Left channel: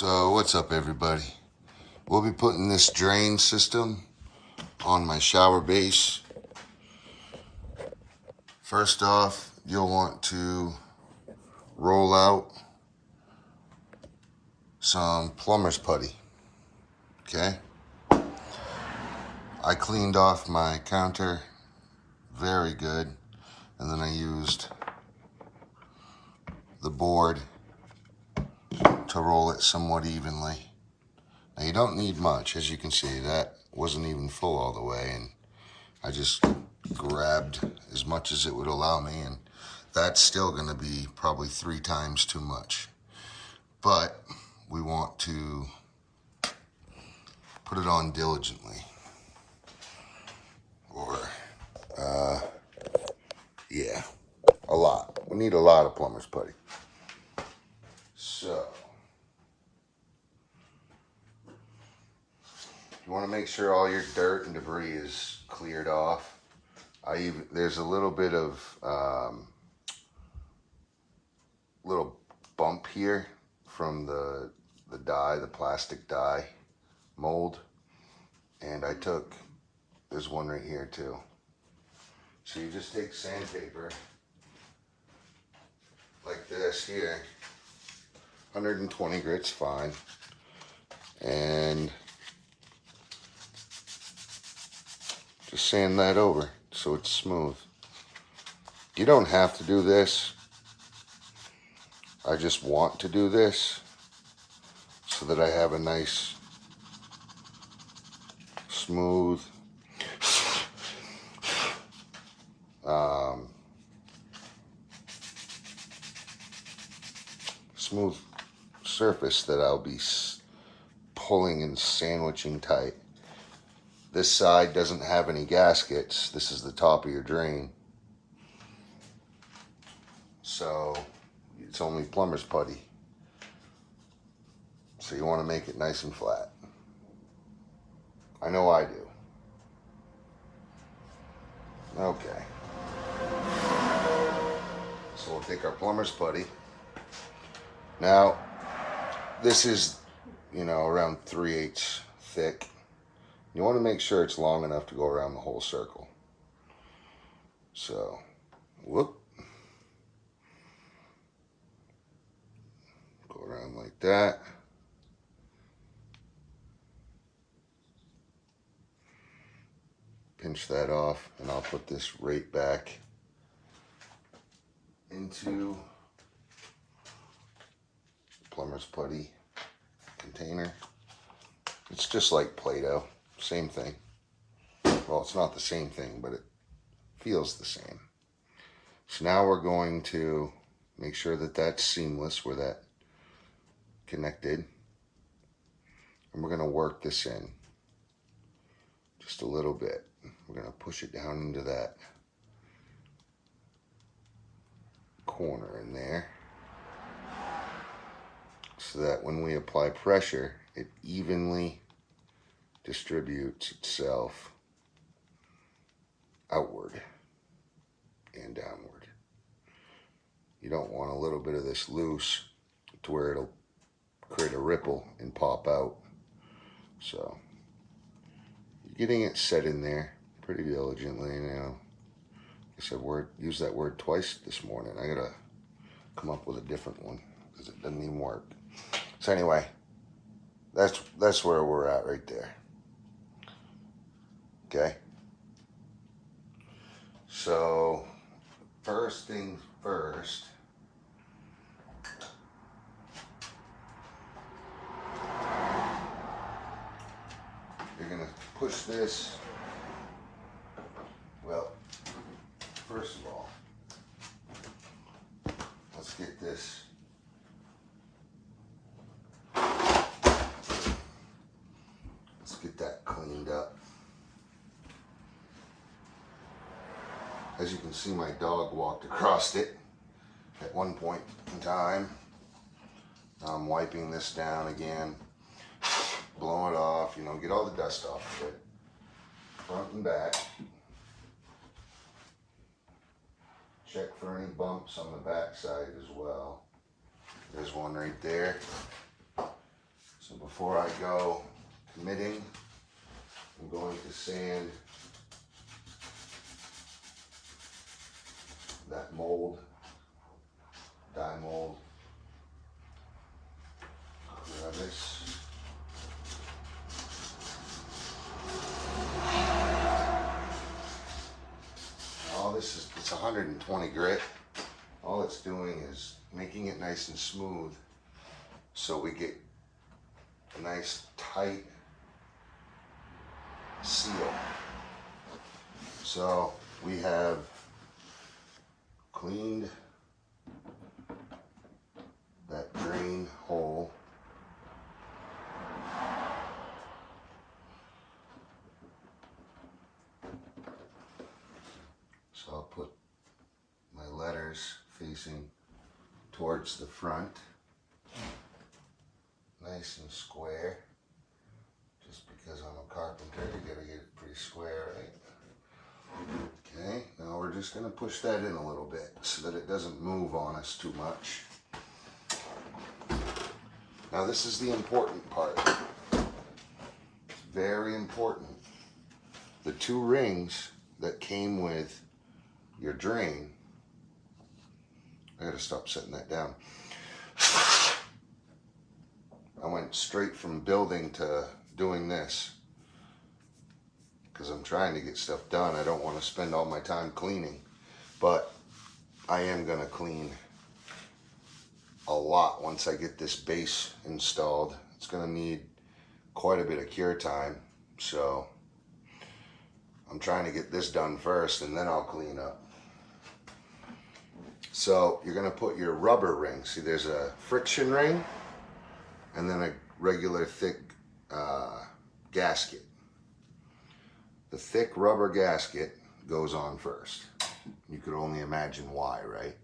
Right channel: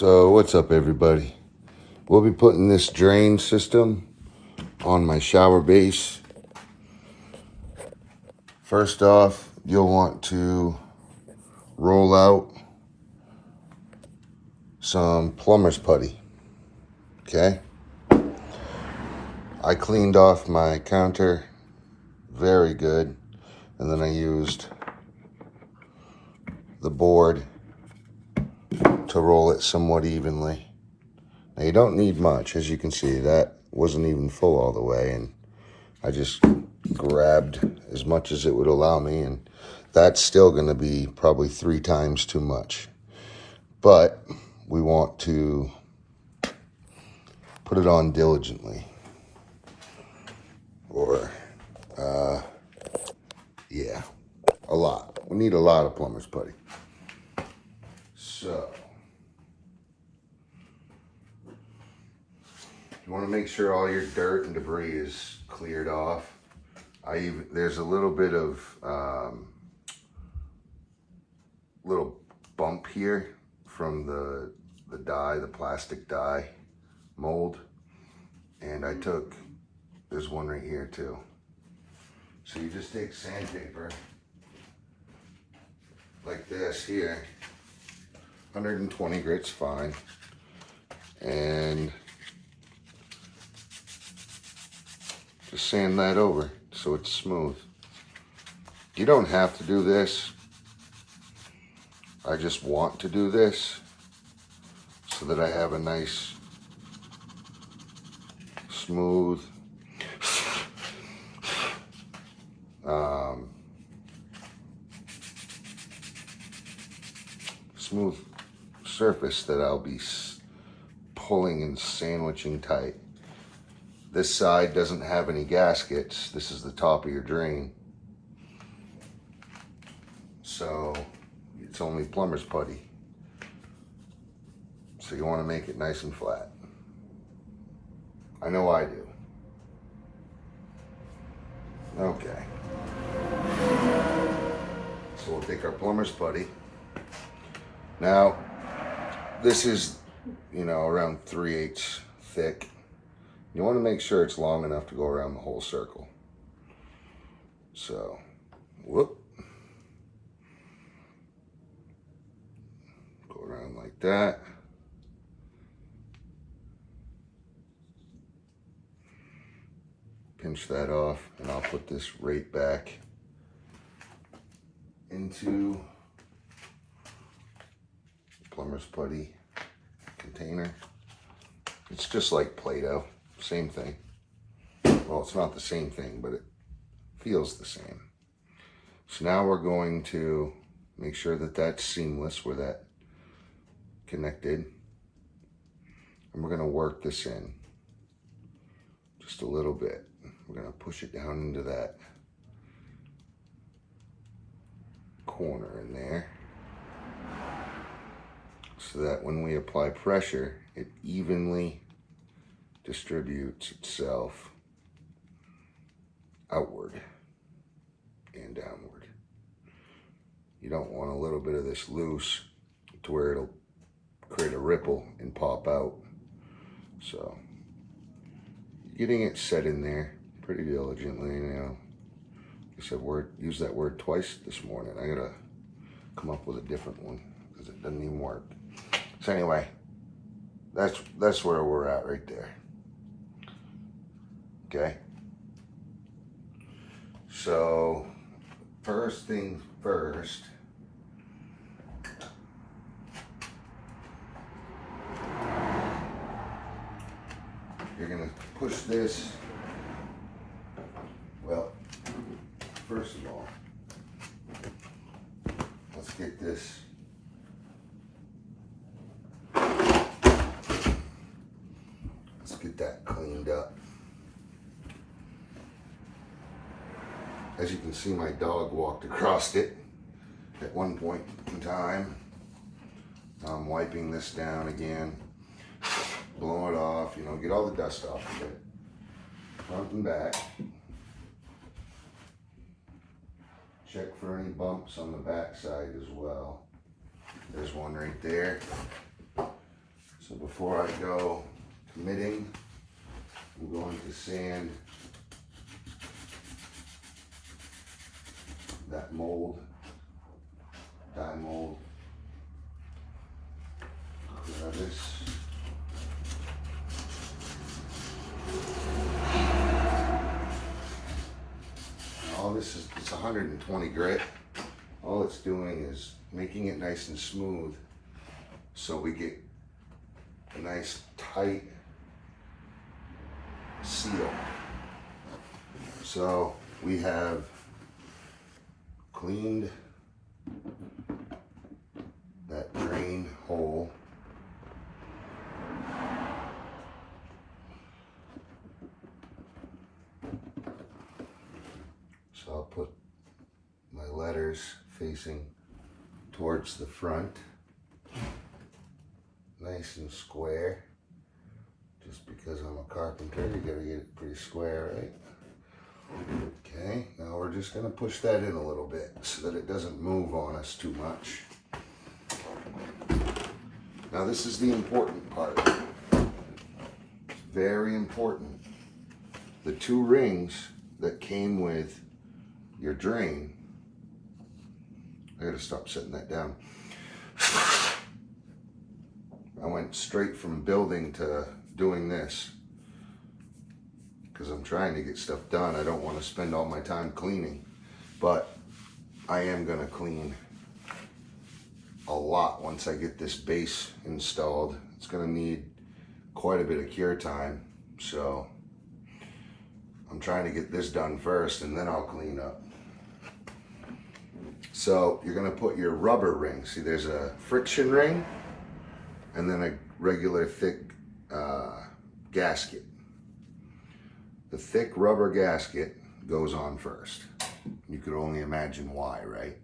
So what's up, everybody? We'll be putting this drain system on my shower base. First off, you'll want to roll out some plumber's putty. Okay? I cleaned off my counter very good, and then I used the board to roll it somewhat evenly. Now you don't need much, as you can see. That wasn't even full all the way, and I just grabbed as much as it would allow me, and that's still going to be probably 3 times too much. But we want to put it on diligently, or yeah, a lot. We need a lot of plumber's putty. So you want to make sure all your dirt and debris is cleared off. There's a little bit of little bump here from the dye, the plastic dye mold, and there's one right here too. So you just take sandpaper like this here, 120 grit's fine, and just sand that over so it's smooth. You don't have to do this. I just want to do this so that I have a nice, smooth, smooth surface that I'll be pulling and sandwiching tight. This side doesn't have any gaskets. This is the top of your drain. So it's only plumber's putty. So you want to make it nice and flat. I know I do. Okay. So we'll take our plumber's putty. Now, this is, around 3/8 thick. You want to make sure it's long enough to go around the whole circle. So, whoop. Go around like that. Pinch that off, and I'll put this right back into the plumber's putty container. It's just like Play-Doh, same thing. Well, it's not the same thing, but it feels the same. So now we're going to make sure that that's seamless where that connected. And we're going to work this in just a little bit. We're going to push it down into that corner in there so that when we apply pressure, it evenly distributes itself outward and downward. You don't want a little bit of this loose to where it'll create a ripple and pop out. So getting it set in there pretty diligently now. I said use that word twice this morning. I gotta come up with a different one because it doesn't even work. So anyway, that's where we're at right there. Okay. So first things first, you're gonna push this. Well, first of all, let's get this that cleaned up. As you can see, my dog walked across it at one point in time. I'm wiping this down again, blow it off, get all the dust off of it, front and back. Check for any bumps on the back side as well. There's one right there. So before I go committing, I'm going to sand that mold, dye mold. Now this. All this is, it's 120 grit. All it's doing is making it nice and smooth so we get a nice tight seal. So we have cleaned that drain hole. So I'll put my letters facing towards the front, nice and square. Just because I'm a carpenter, you gotta get it pretty square, right? Okay, now we're just gonna push that in a little bit so that it doesn't move on us too much. Now this is the important part. Very important. The two rings that came with your drain, I gotta stop setting that down. I went straight from building to doing this because I'm trying to get stuff done. I don't want to spend all my time cleaning, but I am gonna clean a lot once I get this base installed. It's gonna need quite a bit of cure time, so I'm trying to get this done first and then I'll clean up. So you're gonna put your rubber ring. See, there's a friction ring and then a regular thick gasket. The thick rubber gasket goes on first. You could only imagine why, right?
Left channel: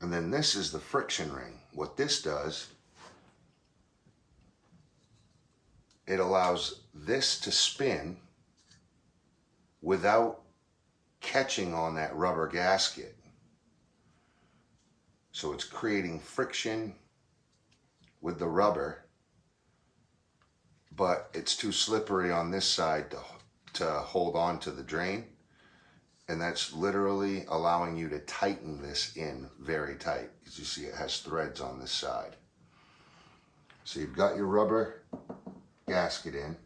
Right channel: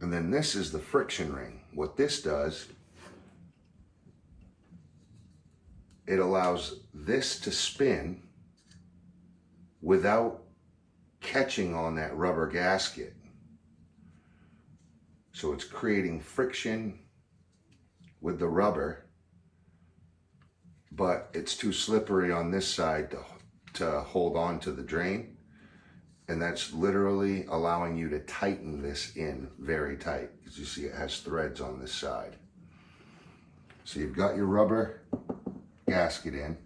And then this is the friction ring. What this does, it allows this to spin without catching on that rubber gasket. So it's creating friction with the rubber, but it's too slippery on this side to hold on to the drain. And that's literally allowing you to tighten this in very tight, because you see it has threads on this side. So you've got your rubber gasket in.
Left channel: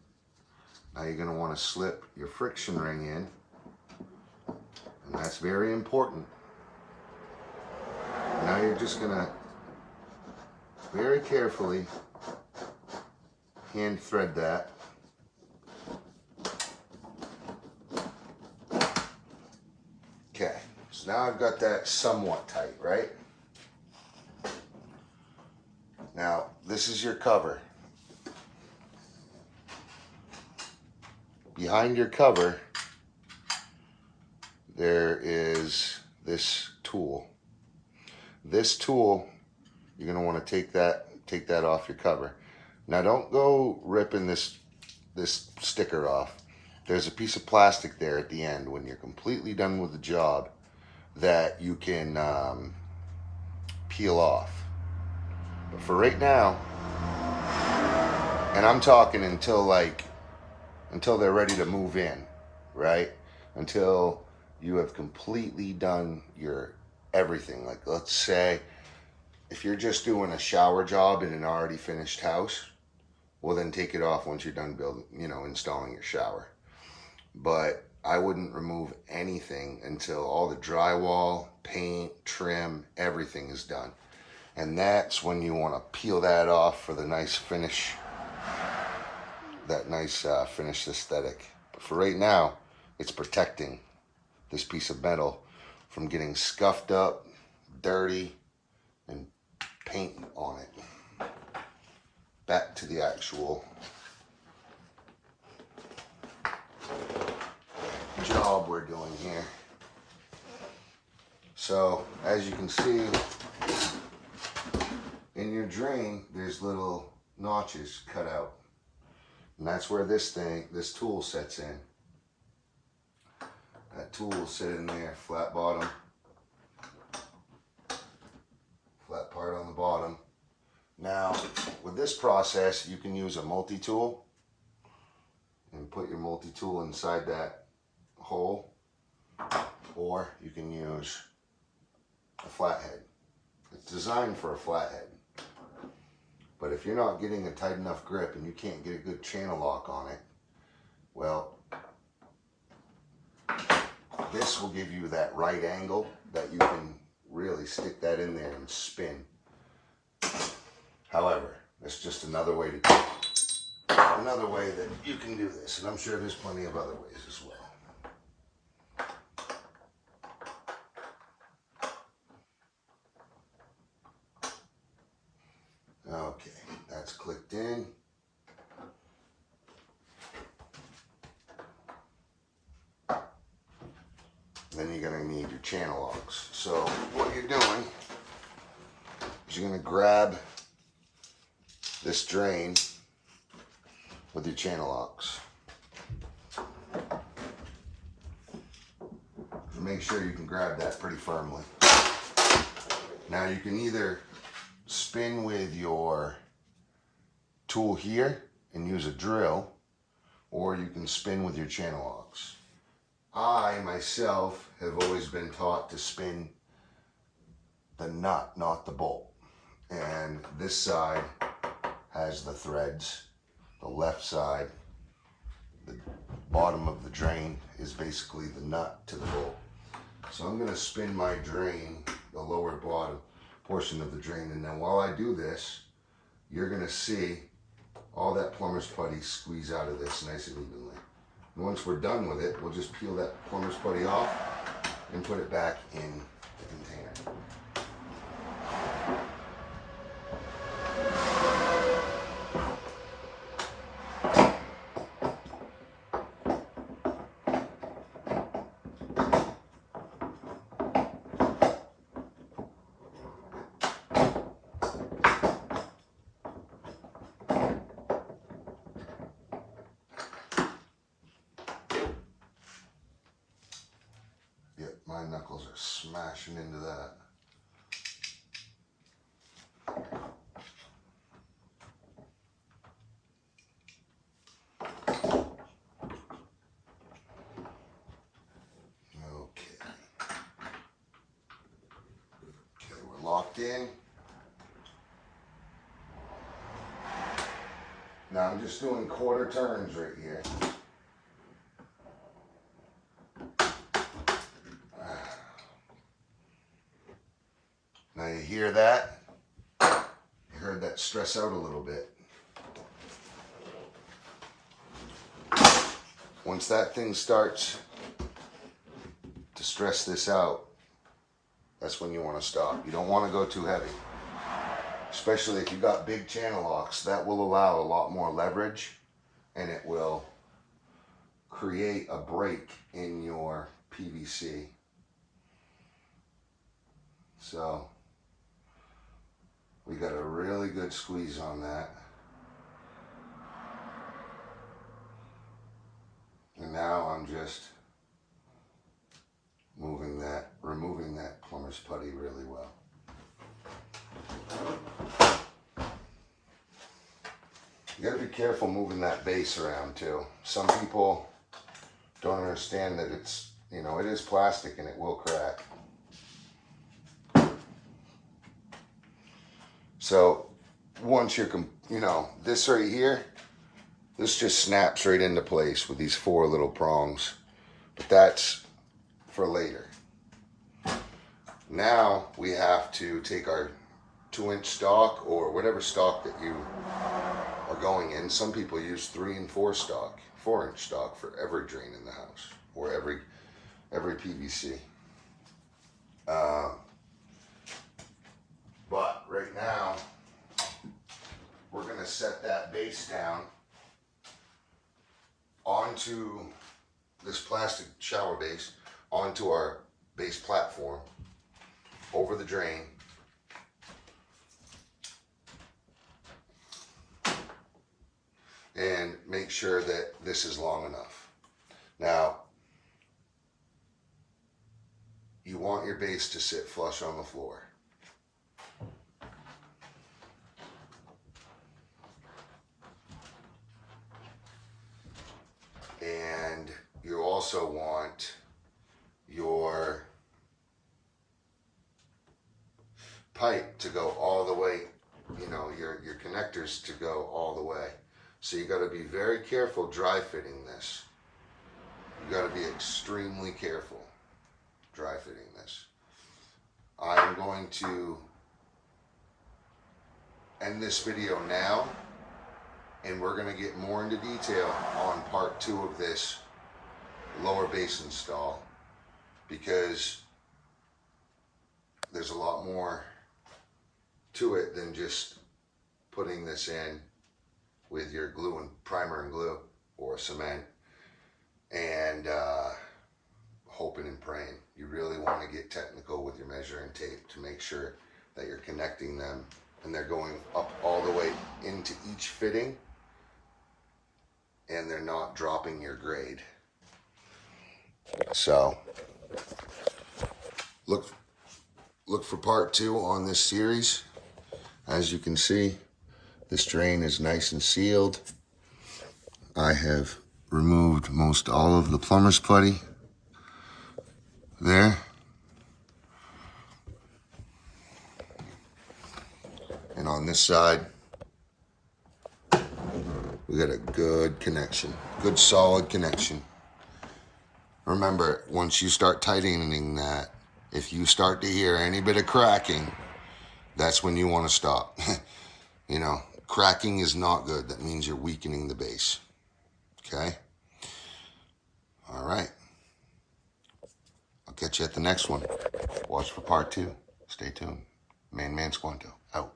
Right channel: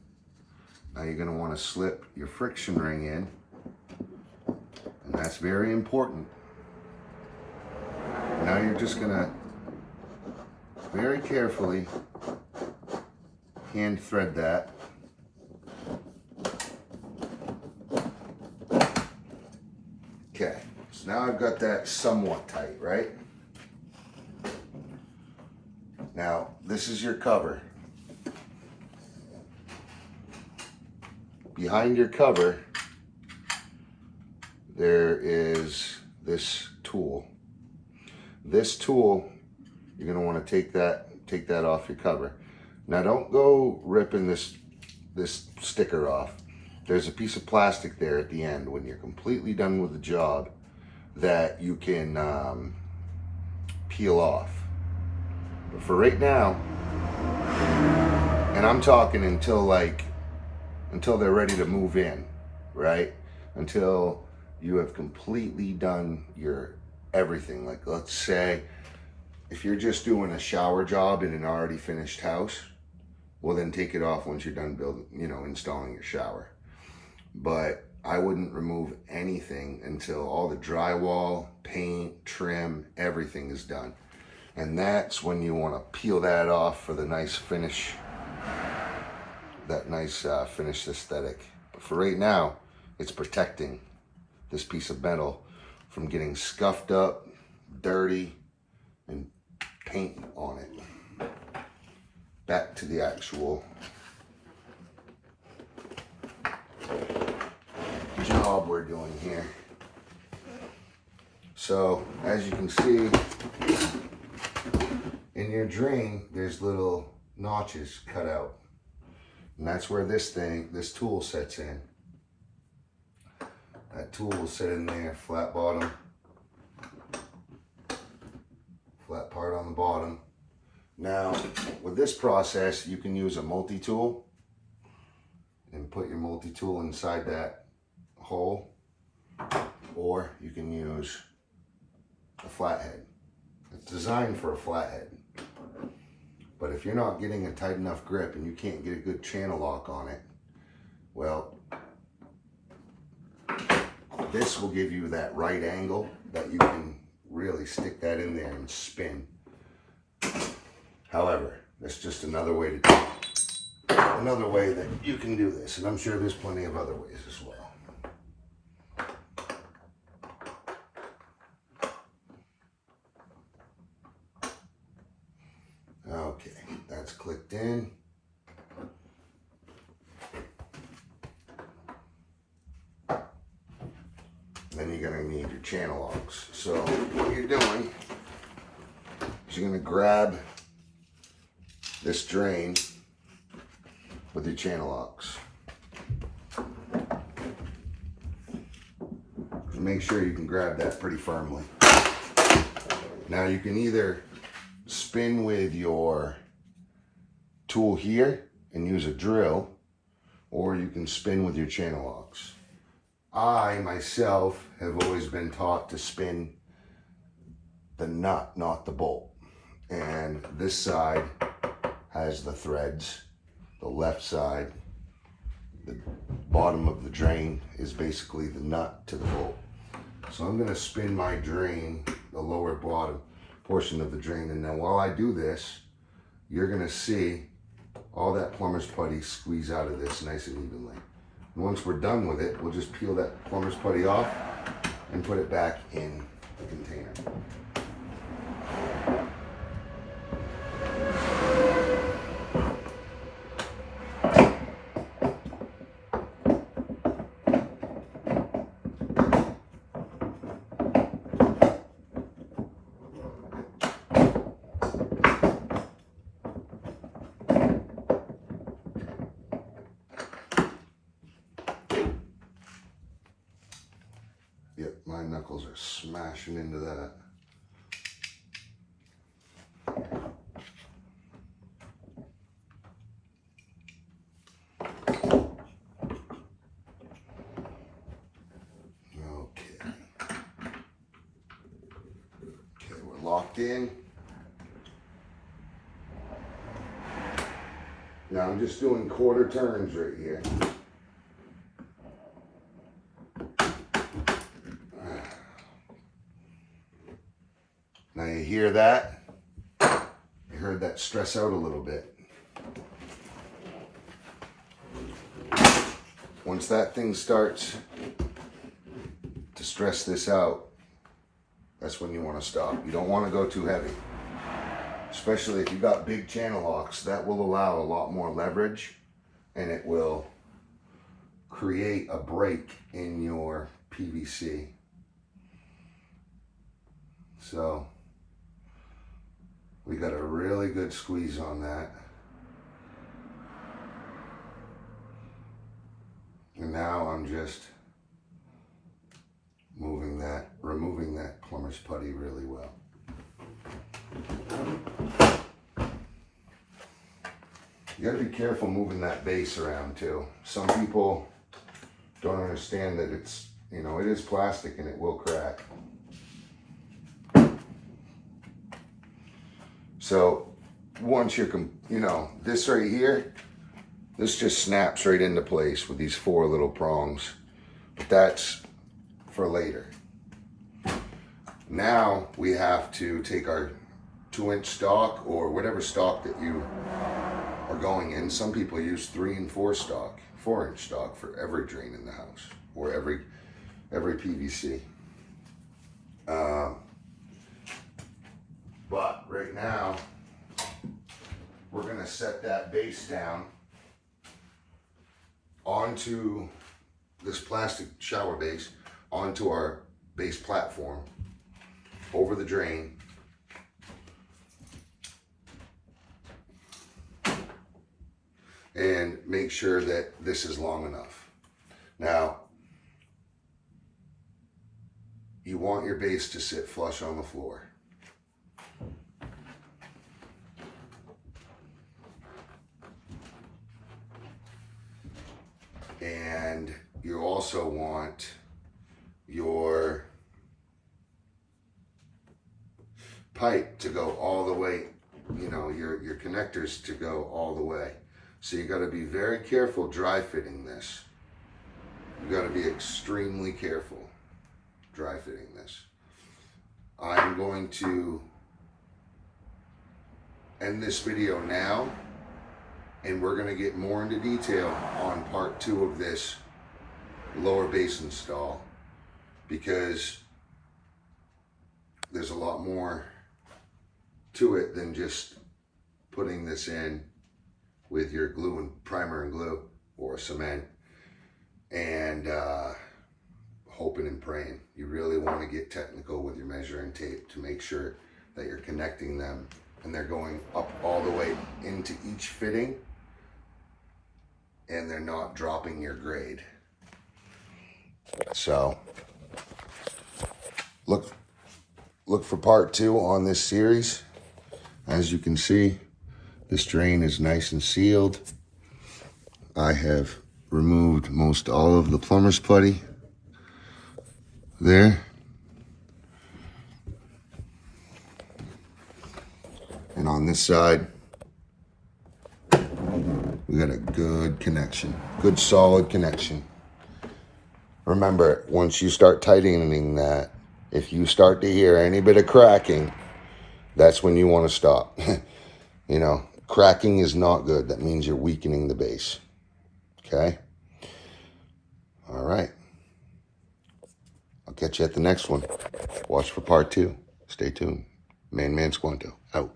Now you're going to want to slip your friction ring in, and that's very important. Now you're just going to very carefully hand thread that. Okay, so now I've got that somewhat tight, right? Now this is your cover. Behind your cover there is this tool. This tool, you're going to want to take that off your cover. Now don't go ripping this sticker off. There's a piece of plastic there at the end when you're completely done with the job that you can peel off. But for right now, and I'm talking until they're ready to move in, right? Until you have completely done your everything. Like, let's say if you're just doing a shower job in an already finished house, well then take it off once you're done building, installing your shower. But I wouldn't remove anything until all the drywall, paint, trim, everything is done. And that's when you want to peel that off for the nice finish, that nice finished aesthetic. But for right now, it's protecting this piece of metal from getting scuffed up, dirty, and paint on it. Back to the actual job we're doing here. So as you can see, in your drain there's little notches cut out, and that's where this tool sets in. That tool will sit in there, flat bottom that part on the bottom. Now, with this process, you can use a multi-tool and put your multi-tool inside that hole, or you can use a flathead. It's designed for a flathead. But if you're not getting a tight enough grip and you can't get a good channel lock on it, well, this will give you that right angle that you can really stick that in there and spin. However, that's just another way that you can do this, and I'm sure there's plenty of other ways as well. Okay, that's clicked in. Then you're going to need your channel locks. So what you're doing is you're going to grab this drain with your channel locks. Make sure you can grab that pretty firmly. Now you can either spin with your tool here and use a drill, or you can spin with your channel locks. I myself have always been taught to spin the nut, not the bolt. And this side has the threads. The left side, the bottom of the drain, is basically the nut to the bolt. So I'm going to spin my drain, the lower bottom portion of the drain, and now while I do this, you're going to see all that plumber's putty squeeze out of this nice and evenly. And once we're done with it, we'll just peel that plumber's putty off and put it back in the container. Yep, my knuckles are smashing into that. Okay, we're locked in. Now I'm just doing quarter turns right here. Now you hear that? You heard that stress out a little bit. Once that thing starts to stress this out, that's when you want to stop. You don't want to go too heavy. Especially if you've got big channel locks, that will allow a lot more leverage and it will create a break in your PVC. So we got a really good squeeze on that. And now I'm just removing that plumber's putty really well. You gotta be careful moving that base around too. Some people don't understand that it's, you know, it is plastic and it will crack. So once you're, you know, this right here, this just snaps right into place with these 4 little prongs. But that's for later. Now we have to take our 2-inch stock or whatever stock that you are going in. Some people use 3 and 4 stock, 4-inch stock for every drain in the house or every PVC. But right now, we're going to set that base down onto this plastic shower base, onto our base platform, over the drain. And make sure that this is long enough. Now, you want your base to sit flush on the floor. you also want your pipe to go all the way, you know, your connectors to go all the way. So you got to be very careful dry fitting this. You got to be extremely careful dry fitting this. I'm going to end this video now, and we're going to get more into detail on part 2 of this lower base install, because there's a lot more to it than just putting this in with your glue and primer and glue or cement and hoping and praying. You really want to get technical with your measuring tape to make sure that you're connecting them and they're going up all the way into each fitting and they're not dropping your grade. So look for part 2 on this series. As you can see, this drain is nice and sealed. I have removed most all of the plumber's putty there. And on this side, we got a good connection, good solid connection. Remember, once you start tightening that, if you start to hear any bit of cracking, that's when you want to stop. You know, cracking is not good. That means you're weakening the base. Okay? All right. I'll catch you at the next one. Watch for part 2. Stay tuned. Man Squanto, out.